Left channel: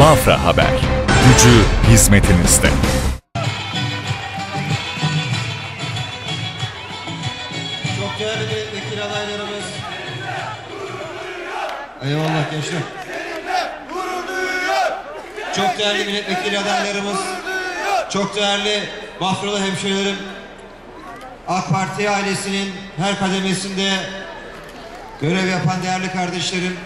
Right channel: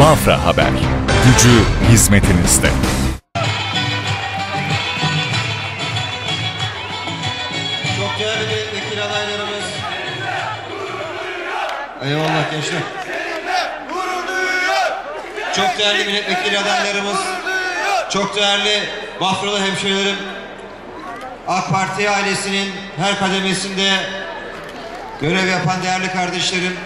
Bafra Haber. Gücü hizmetinizde. Çok değerli milletvekili adaylarımız. Eyvallah gençler. Çok değerli milletvekili adaylarımız. Çok değerli Bafralı hemşehrilerim. AK Parti ailesinin her kademesinde görev yapan değerli kardeşlerim.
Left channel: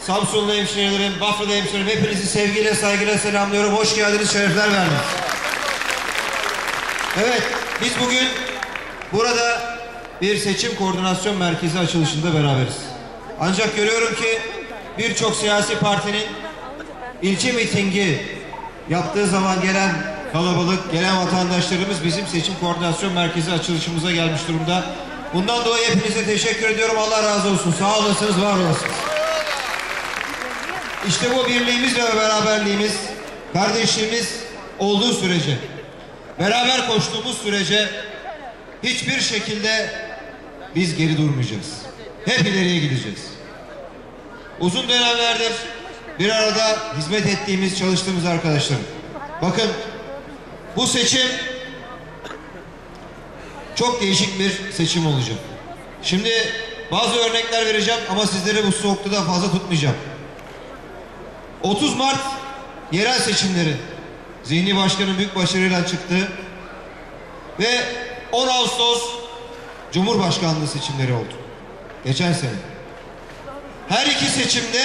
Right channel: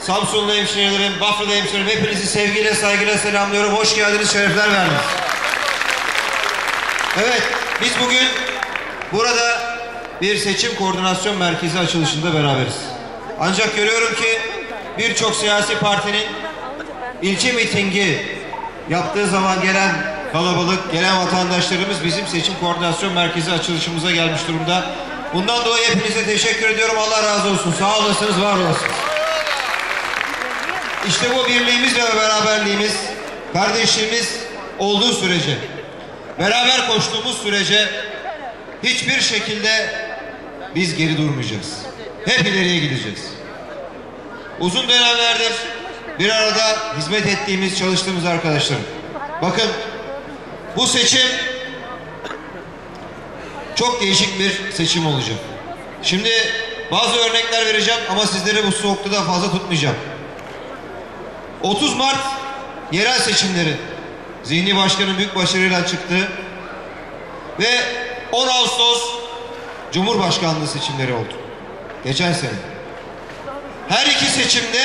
Samsunlu hemşehrilerim, Bafralı hemşehrilerim hepinizi sevgiyle saygıyla selamlıyorum. Hoş geldiniz, şerefler verdiniz. Evet, biz bugün burada bir seçim koordinasyon merkezi açılışında beraberiz. Ancak görüyorum ki birçok siyasi partinin ilçe mitingi yaptığı zaman gelen kalabalık, gelen vatandaşlarımız bizim seçim koordinasyon merkezi açılışımıza gelmiş durumda. Bundan dolayı hepinize teşekkür ediyorum. Allah razı olsun. Sağ olasınız, var olasınız. İşte bu birliğimiz ve beraberliğimiz, kardeşliğimiz olduğu sürece, beraber koştuğumuz sürece hiçbir şekilde biz geri durmayacağız. Hep ileriye gideceğiz. Uzun dönemlerdir bir arada hizmet ettiğimiz, çalıştığımız arkadaşlarım. Bakın bu seçim çok değişik bir seçim olacak. Şimdi bazı örnekler vereceğim ama sizleri bu soğukta fazla tutmayacağım. 30 Mart yerel seçimleri Zihni Başkan'ın büyük başarıyla çıktı ve 10 Ağustos Cumhurbaşkanlığı seçimleri oldu. Geçen sene. Her iki seçimde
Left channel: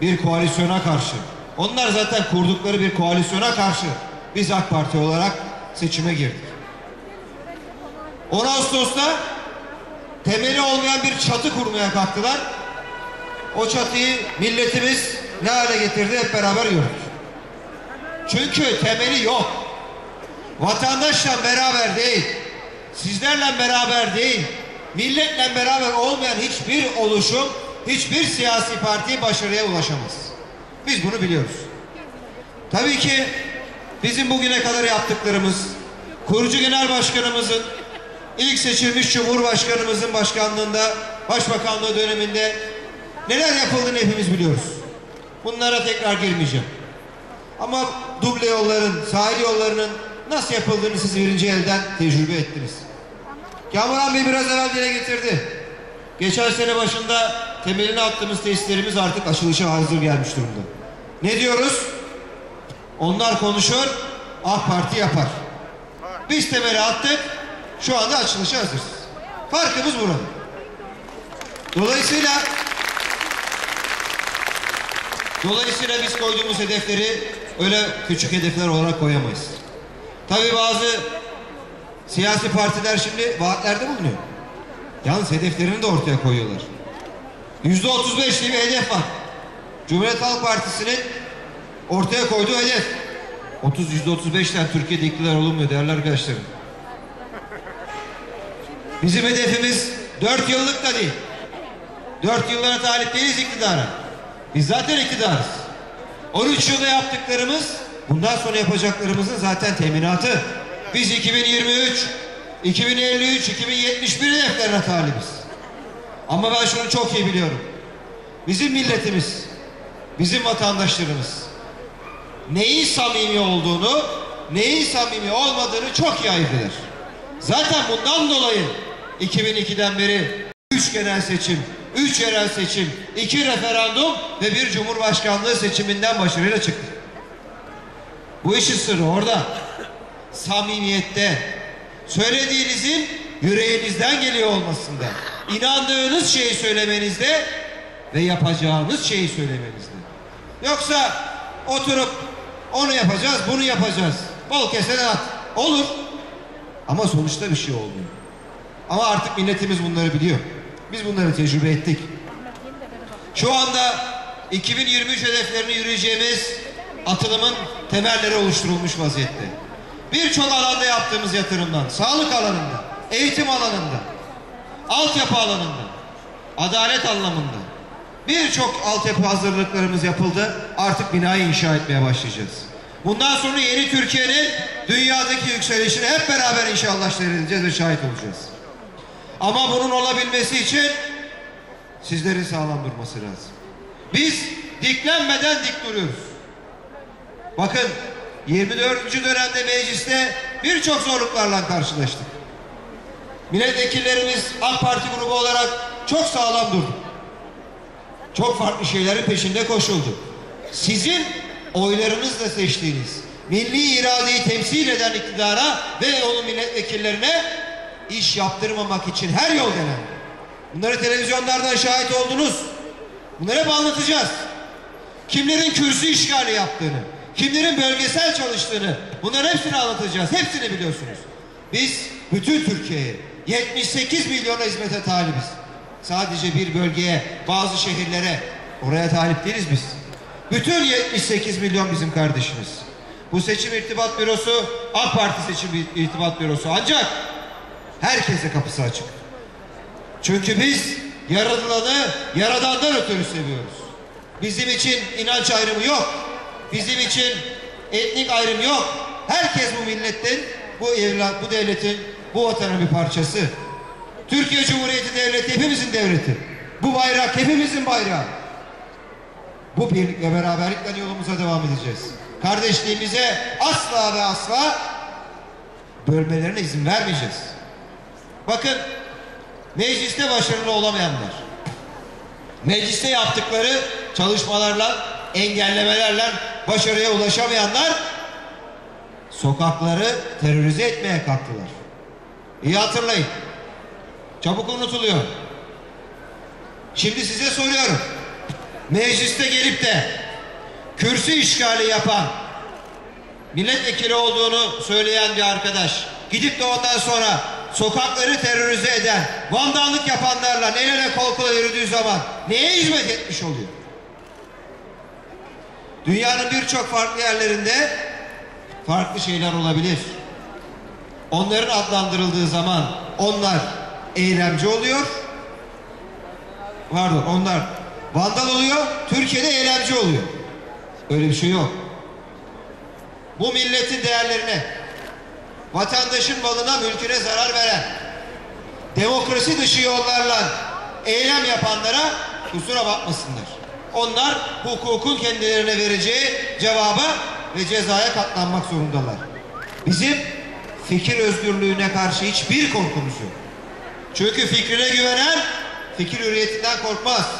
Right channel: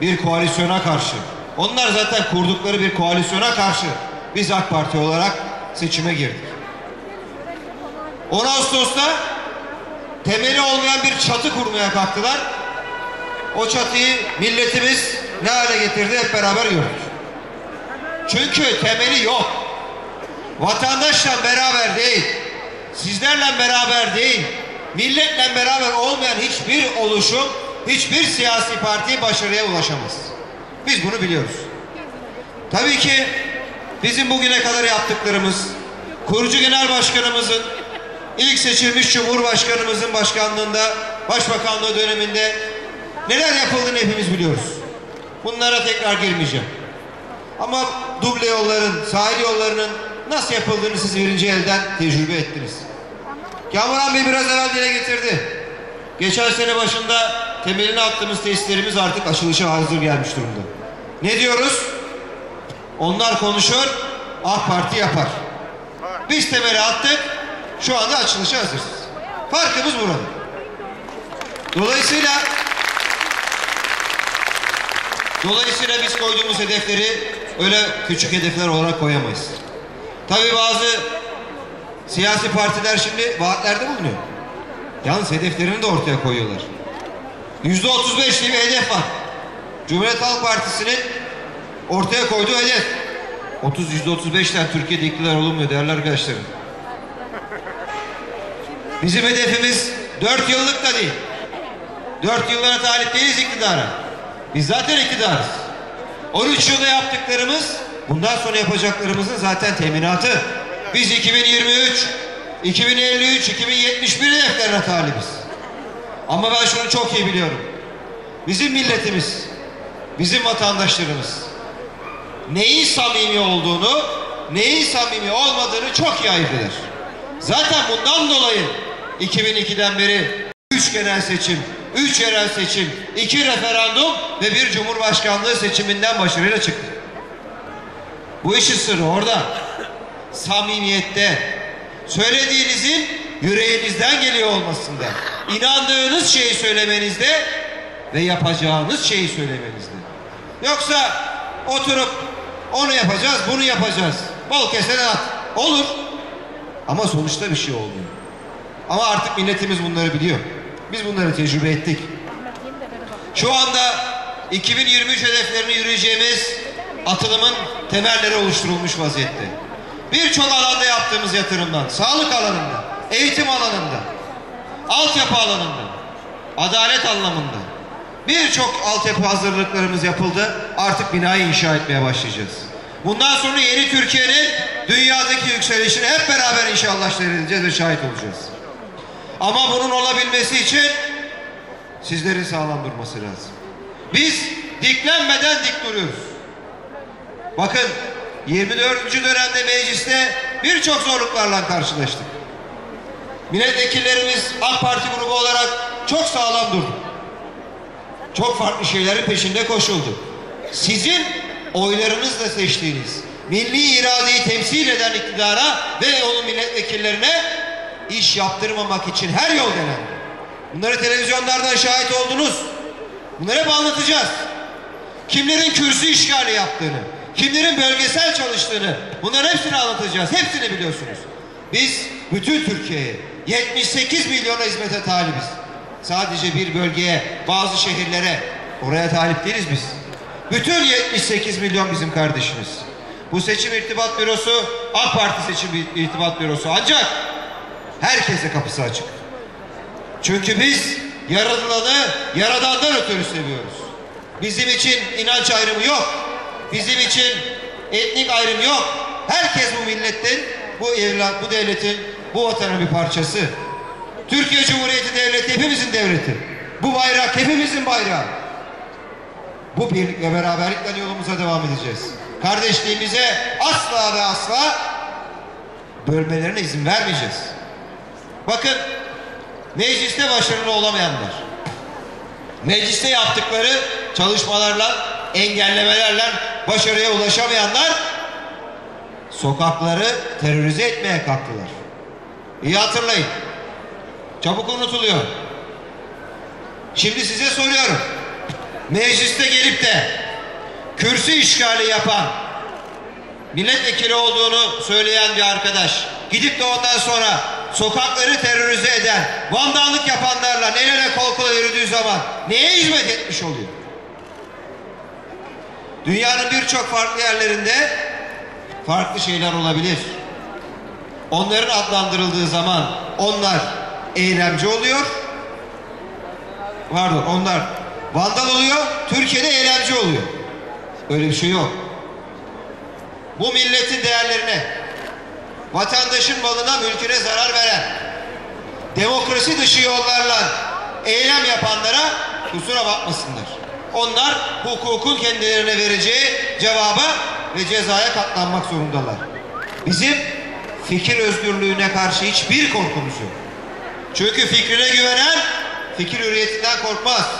bir koalisyona karşı. Onlar zaten kurdukları bir koalisyona karşı biz AK Parti olarak seçime girdik. 10 Ağustos'ta temeli olmayan bir çatı kurmaya kalktılar. O çatıyı milletimiz ne hale getirdi hep beraber gördük. Çünkü temeli yok. Vatandaşla beraber değil, sizlerle beraber değil, milletle beraber olmayan hiçbir oluşum, hiçbir siyasi parti başarıya ulaşamaz. Biz bunu biliyoruz. Tabii ki bizim bugüne kadar yaptıklarımız, kurucu genel başkanımızın, ilk seçilmiş cumhurbaşkanımızın başkanlığında, başbakanlığı döneminde neler yapıldığını hepimiz biliyoruz. Bunlara tekrar girmeyeceğim. Ama duble yolların, sahil yollarının nasıl yapıldığını siz birinci elden tecrübe ettiniz. Kamuran Bey biraz evvel dile getirdi. Geçen sene başında temelini attığımız tesislerimiz artık açılışa hazır gelmiş durumda. Ne diyoruz? Onlar konuşur, AK Parti yapar. Biz temeli attık, şu anda açılışa hazırız. Farkımız burada. Dolayısıyla Dolayısıyla biz koyduğumuz hedefleri öyle küçük hedefler olarak koyamayız. Tabi bazı siyasi partiler şimdi vaatlerde bulunuyor. Yalnız hedeflerini de ortaya koyuyorlar. Yüzde otuz beş bir hedef var. Cumhuriyet Halk Partisi'nin ortaya koyduğu hedef. 30 yüzde otuz beşten Türkiye'de iktidar olunmuyor değerli arkadaşlarım. Bizim hedefimiz dört yıllık da değil. Dört yıllara talip değiliz iktidara. Biz zaten iktidarız. 13 yılda yaptıklarımız bundan sonra yapacaklarımızın zaten teminatı. Biz 2023, 2053, 2071 hedeflerine talibiz. Ama ben şunu çok iyi biliyorum. Bizim milletimiz, bizim vatandaşlarımız neyin samimi olduğunu, neyin samimi olmadığını çok iyi ayırt eder. Zaten bundan dolayı 2002'den beri 3 genel seçim, 3 yerel seçim, 2 referandum ve bir cumhurbaşkanlığı seçiminden başarıyla çıktı. Bu işin sırrı orada. Samimiyette. Söylediğinizin yüreğinizden geliyor olmasında. İnandığınız şeyi söylemenizde ve yapacağınız şeyi söylemenizde. Yoksa oturup onu yapacağız, bunu yapacağız. Bol keseden at. Olur. Ama sonuçta bir şey olmuyor. Ama artık milletimiz bunları biliyor. Biz bunları tecrübe ettik. Şu anda 2023 hedeflerini yürüyeceğimiz atılımın temelleri oluşturulmuş vaziyette. Birçok alanda yaptığımız yatırımdan, sağlık alanında, eğitim alanında, altyapı alanında, adalet anlamında birçok altyapı hazırlıklarımız yapıldı. Artık binayı inşa etmeye başlayacağız. Bundan sonra yeni Türkiye'nin dünyadaki yükselişini hep beraber inşallah seyredeceğiz ve şahit olacağız. Ama bunun olabilmesi için sizlerin sağlam durması lazım. Biz diklenmeden dik duruyoruz. Bakın 24. dönemde mecliste birçok zorluklarla karşılaştık. Milletvekillerimiz AK Parti grubu olarak çok sağlam durdu. Çok farklı şeylerin peşinde koşuldu. Sizin oylarınızla seçtiğiniz milli iradeyi temsil eden iktidara ve onun milletvekillerine iş yaptırmamak için her yol denendi. Bunları televizyonlardan şahit oldunuz. Bunları hep anlatacağız. Kimlerin kürsü işgali yaptığını, kimlerin bölgesel çalıştığını bunların hepsini anlatacağız. Hepsini biliyorsunuz. Biz bütün Türkiye'ye 78 milyona hizmete talibiz. Sadece bir bölgeye, bazı şehirlere oraya talip değiliz biz. Bütün 78 milyon bizim kardeşimiz. Bu seçim irtibat bürosu AK Parti seçim irtibat bürosu. Ancak herkese kapısı açık. Çünkü biz yaratılanı yaradandan ötürü seviyoruz. Bizim için inanç ayrımı yok. Bizim için etnik ayrım yok. Herkes bu milletin, bu evlat, bu devletin, bu vatanın bir parçası. Türkiye Cumhuriyeti Devleti hepimizin devleti. Bu bayrak hepimizin bayrağı. Bu birlik ve beraberlikle yolumuza devam edeceğiz. Kardeşliğimize asla ve asla bölmelerine izin vermeyeceğiz. Bakın mecliste başarılı olamayanlar, mecliste yaptıkları çalışmalarla, engellemelerle başarıya ulaşamayanlar sokakları terörize etmeye kalktılar. İyi hatırlayın. Çabuk unutuluyor. Şimdi size soruyorum. Mecliste gelip de kürsü işgali yapan milletvekili olduğunu söyleyen bir arkadaş gidip de ondan sonra sokakları terörize eden vandallık yapanlarla el ele kol kola yürüdüğü zaman neye hizmet etmiş oluyor? Dünyanın birçok farklı yerlerinde farklı şeyler olabilir. Onların adlandırıldığı zaman onlar eylemci oluyor. Pardon onlar vandal oluyor. Türkiye'de eylemci oluyor. Öyle bir şey yok. Bu milletin değerlerine, vatandaşın malına, mülküne zarar veren, demokrasi dışı yollarla eylem yapanlara kusura bakmasınlar. Onlar hukukun kendilerine vereceği cevaba ve cezaya katlanmak zorundalar. Bizim fikir özgürlüğüne karşı hiçbir korkumuz yok. Çünkü fikrine güvenen fikir hürriyetinden korkmaz.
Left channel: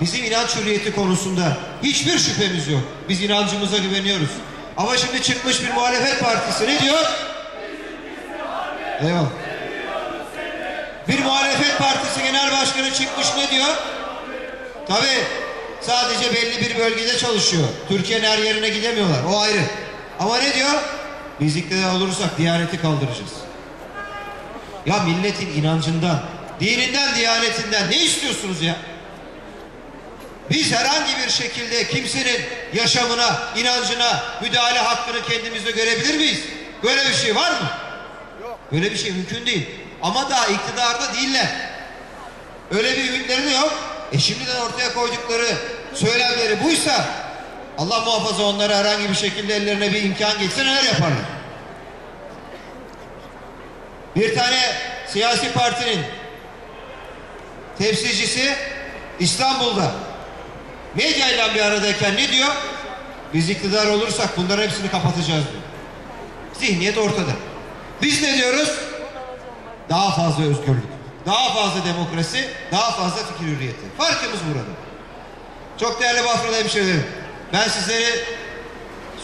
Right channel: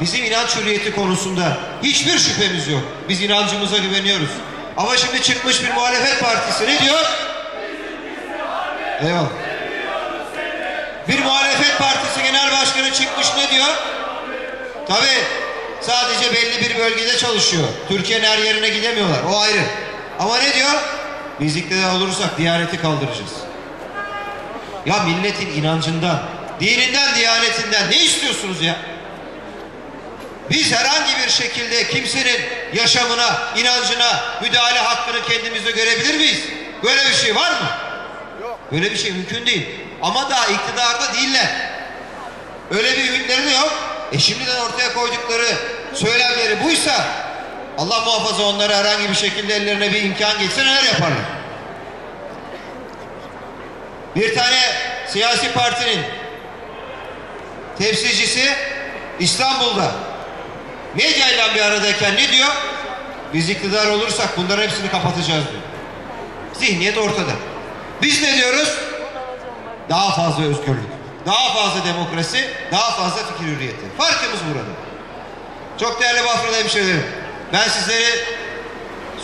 Bizim inanç hürriyeti konusunda hiçbir şüphemiz yok. Biz inancımıza güveniyoruz. Ama şimdi çıkmış bir muhalefet partisi ne diyor? Eyvallah. Bir muhalefet partisi genel başkanı çıkmış ne diyor? Tabi sadece belli bir bölgede çalışıyor. Türkiye'nin her yerine gidemiyorlar. O ayrı. Ama ne diyor? Biz iktidar olursak diyaneti kaldıracağız. Ya milletin inancından, dininden, diyanetinden ne istiyorsunuz ya? Biz herhangi bir şekilde kimsenin yaşamına, inancına müdahale hakkını kendimizde görebilir miyiz? Böyle bir şey var mı? Yok. Böyle bir şey mümkün değil. Ama daha iktidarda değiller. Öyle bir ümitleri de yok. E şimdiden ortaya koydukları söylemleri buysa Allah muhafaza onlara herhangi bir şekilde ellerine bir imkan geçse neler yaparlar? Bir tane siyasi partinin temsilcisi İstanbul'da medyayla bir aradayken ne diyor? Biz iktidar olursak bunların hepsini kapatacağız diyor. Zihniyet ortada. Biz ne diyoruz? Daha fazla özgürlük, daha fazla demokrasi, daha fazla fikir hürriyeti. Farkımız burada. Çok değerli Bafralı hemşehrilerim. Ben sizleri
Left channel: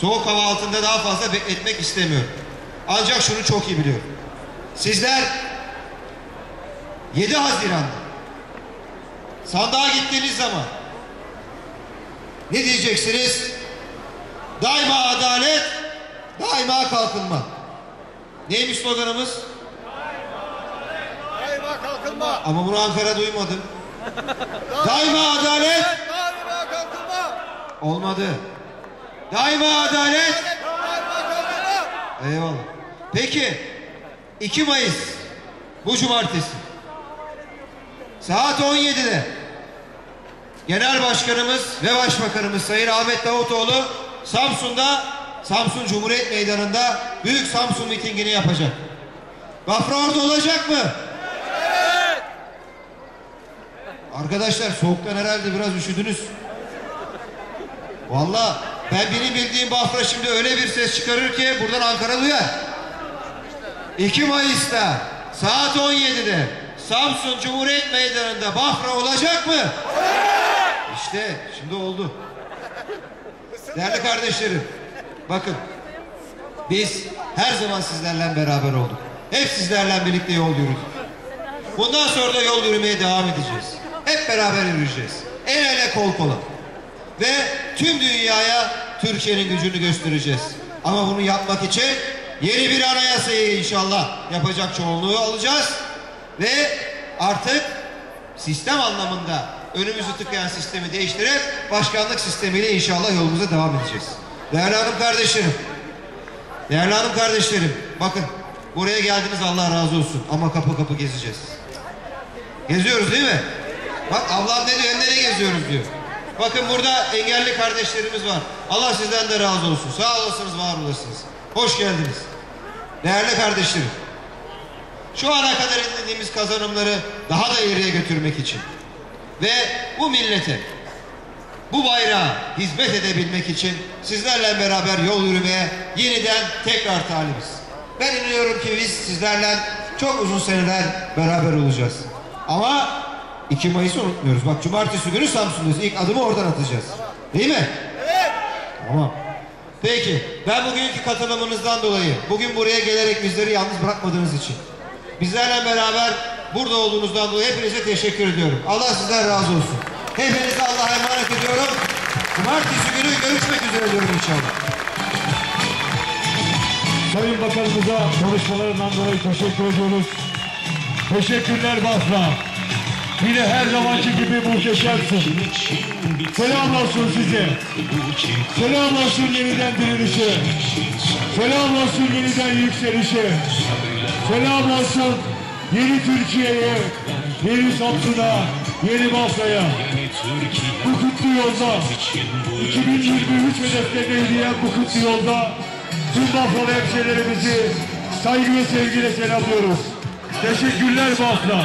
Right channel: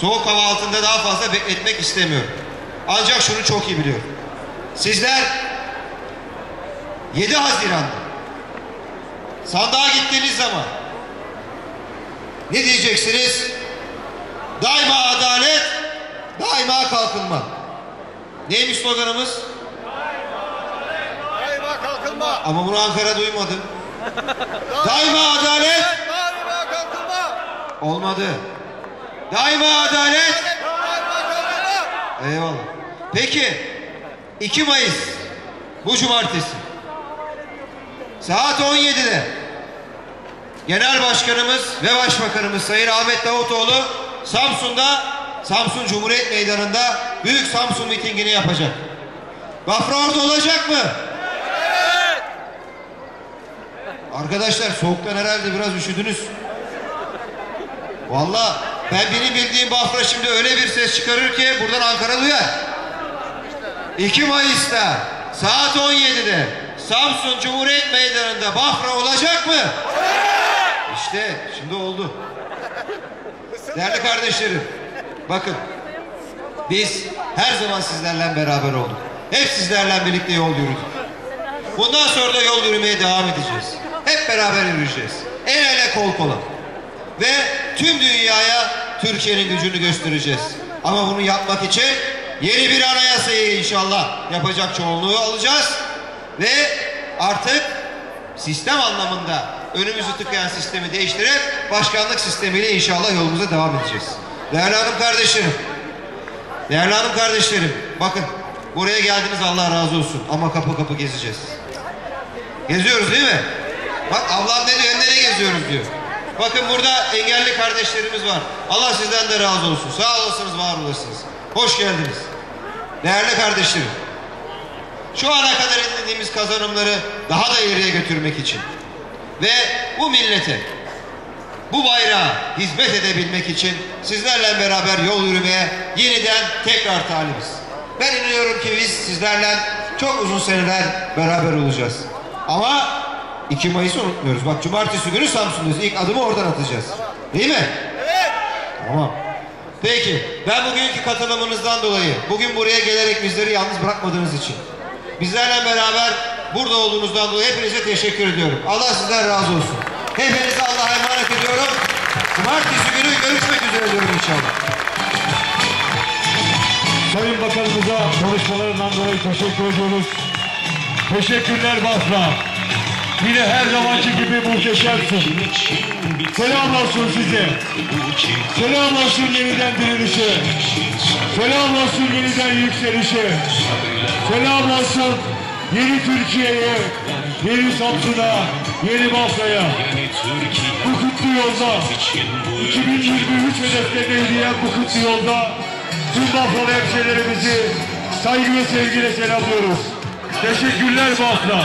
soğuk hava altında daha fazla bekletmek istemiyorum. Ancak şunu çok iyi biliyorum. Sizler 7 Haziran'da sandığa gittiğiniz zaman ne diyeceksiniz? Daima adalet, daima kalkınma. Neymiş sloganımız? Daima kalkınma. Ama bunu Ankara duymadım. daima adalet. Daima kalkınma. Olmadı. Daima adalet. Daima kalkınma. Eyvallah. Peki 2 Mayıs bu cumartesi saat 17'de Genel Başkanımız ve Başbakanımız Sayın Ahmet Davutoğlu Samsun'da Samsun Cumhuriyet Meydanı'nda Büyük Samsun mitingini yapacak. Bafra orada olacak mı? Arkadaşlar soğuktan herhalde biraz üşüdünüz. Valla ben benim bildiğim Bafra şimdi öyle bir ses çıkarır ki buradan Ankara duyar. 2 Mayıs'ta saat 17'de Samsun Cumhuriyet Meydanı'nda Bafra olacak mı? İşte şimdi oldu. Değerli kardeşlerim bakın biz her zaman sizlerle beraber olduk. Hep sizlerle birlikte yol yürüdük. Bundan sonra da yol yürümeye devam edeceğiz. Hep beraber yürüyeceğiz. El ele kol kola. Ve tüm dünyaya Türkiye'nin gücünü göstereceğiz. Ama bunu yapmak için yeni bir anayasayı inşallah yapacak çoğunluğu alacağız. Ve artık sistem anlamında önümüzü tıkayan sistemi değiştirip başkanlık sistemiyle inşallah yolumuza devam edeceğiz. Değerli hanım kardeşlerim, değerli hanım kardeşlerim, bakın buraya geldiniz Allah razı olsun ama kapı kapı gezeceğiz. Geziyoruz değil mi? Bak ablam ne diyor, nereye geziyoruz diyor. Bakın burada engelli kardeşlerimiz var. Allah sizden de razı olsun. Sağ olasınız, var olasınız. Hoş geldiniz. Değerli kardeşlerim. Şu ana kadar edindiğimiz kazanımları daha da ileriye götürmek için ve bu millete bu bayrağa hizmet edebilmek için sizlerle beraber yol yürümeye yeniden tekrar talibiz. Ben inanıyorum ki biz sizlerle çok uzun seneler beraber olacağız. Ama 2 Mayıs'ı unutmuyoruz. Bak cumartesi günü Samsun'dayız. İlk adımı oradan atacağız. Değil mi? Evet. Tamam. Peki ben bugünkü katılımınızdan dolayı bugün buraya gelerek bizleri yalnız bırakmadığınız için bizlerle beraber burada olduğunuzdan dolayı hepinize teşekkür ediyorum. Allah sizden razı olsun. Hepinizi Allah'a emanet ediyorum. Cumartesi günü görüşmek üzere diyorum inşallah. Sayın Bakanımıza konuşmalarından dolayı teşekkür ediyoruz. Teşekkürler Bafra. Yine her zamanki gibi muhteşemsin. Selam olsun size. Selam olsun yeniden dirilişe. Selam olsun yeniden yükselişe. Selam olsun yeni Türkiye'ye, yeni Samsun'a, yeni Bafra'ya. Bu kutlu yolda 2023 hedeflerine yürüyen bu kutlu yolda tüm Bafralı hemşehrilerimizi saygı ve sevgiyle selamlıyoruz. Teşekkürler Bafra.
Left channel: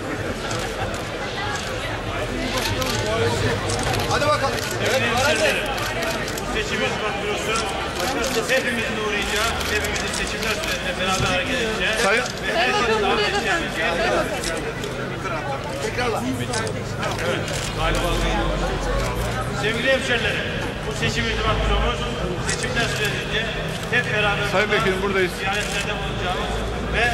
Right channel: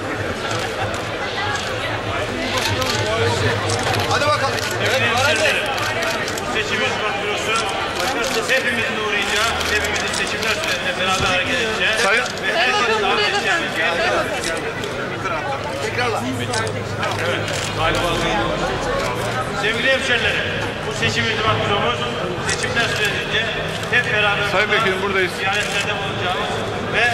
hepimizin seçimler sürecinde beraber hareket edeceğiz. Sayın. Sevgili hemşerilerim, bu seçim kadromuz seçimler sürecince hep beraber Sayın Vekilim, buradayız. ziyaretlerde bulunacağımız ve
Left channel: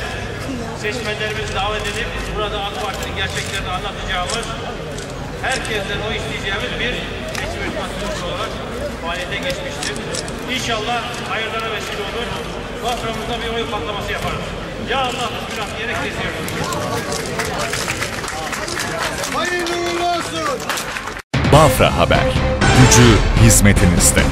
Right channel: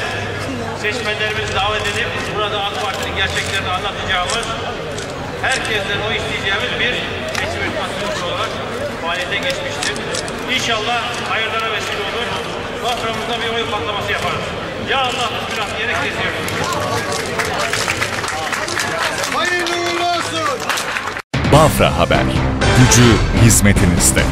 seçmenlerimizi davet edip burada AK Parti'nin gerçeklerini anlatacağımız herkesten o isteyeceğimiz bir seçim kadrosu olarak faaliyete geçmiştir. İnşallah hayırlara vesile olur. Baframızda bir oy patlaması yaparız. Ya Allah bismillah diyerek kesiyoruz. Hayırlı uğurlu olsun. Bafra Haber. Gücü hizmetinizde.